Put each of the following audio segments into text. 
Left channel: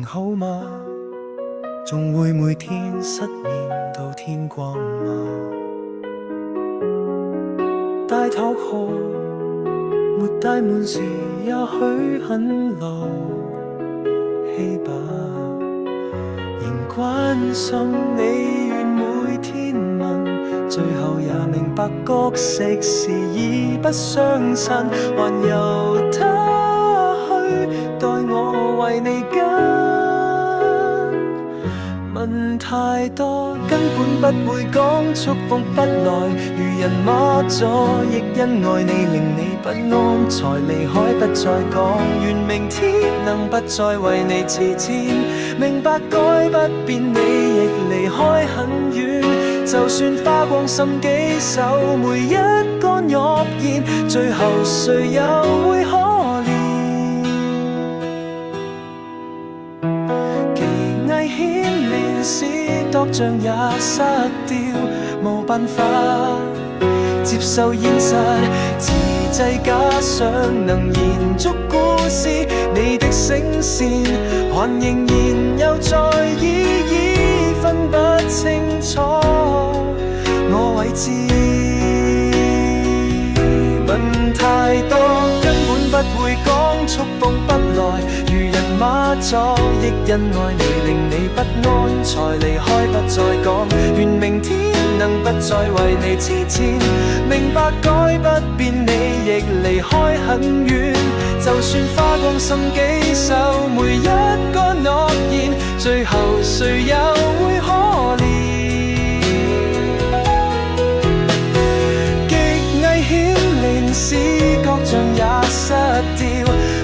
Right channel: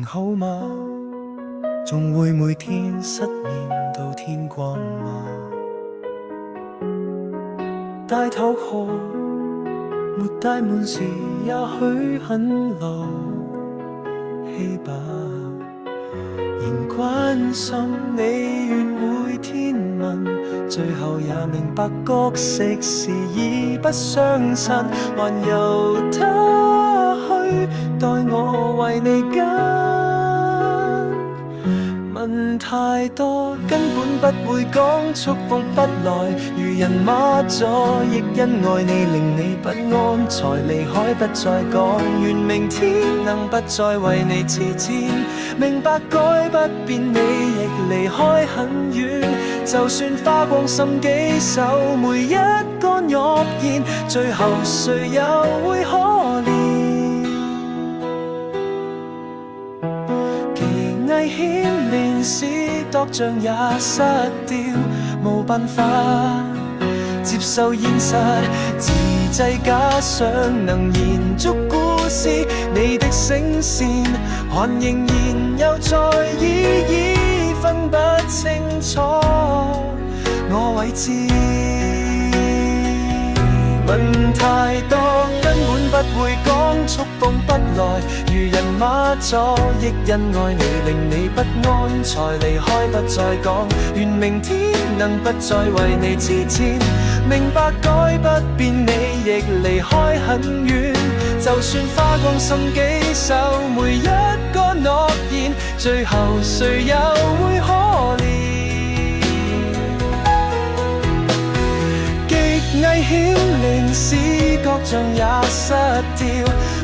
仍好嗎？仲會每天失眠到天光嗎？大頭殼沒帶滿時，也許很勞氣吧。仍關心你，願每天問，最後也明白角色是已不相襯，還由他去代我為你跟。問太多根本不會講，觸碰不來，如人馬座，亦因愛你令你不安，才離開不再講。願明天能不再為你痴纏，明白改不變你亦離開很遠，就算花光心機守每一個諾言，最後誰又會可憐？危險連事度像也失掉，無辦法接受現實，自製假想能延續故事，你的聲線還仍然有在意，已分不清楚我位置。問太多根本不會講，觸碰不來，如人馬座，亦因愛你令你不安，才離開不再講。願明天能不再為你痴纏，明白改不變你亦離開很遠，就算花光心機守每一個諾言，最後誰又會可憐？危險令視覺像也失掉，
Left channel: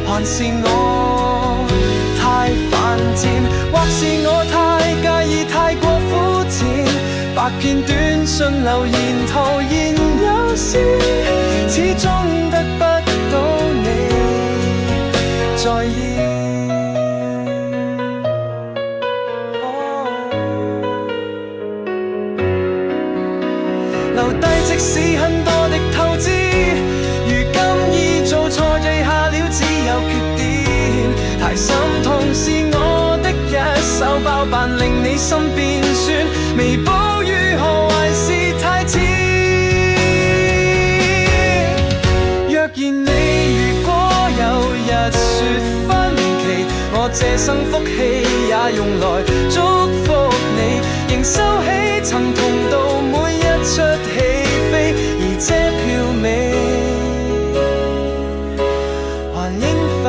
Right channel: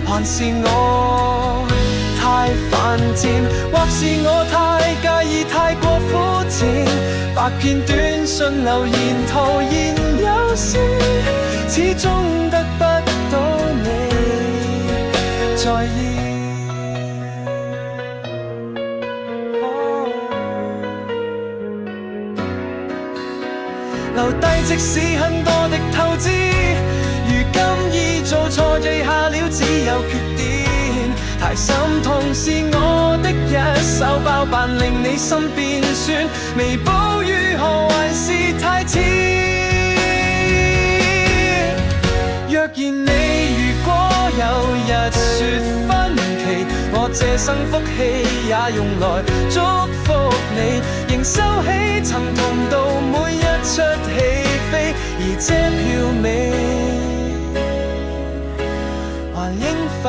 還是我太犯賤，或是我太介意太過膚淺，百篇短信留言徒然有事，始終得不到你在意。留低即使很多的透支，如今已做錯罪下了只有缺點，太心痛是我的一手包辦令你心變酸，彌補如何還是太遲。若然你如果有日說分期，我這生福氣也用來祝福你，仍收起曾同到每一出戲飛，而這票尾還應否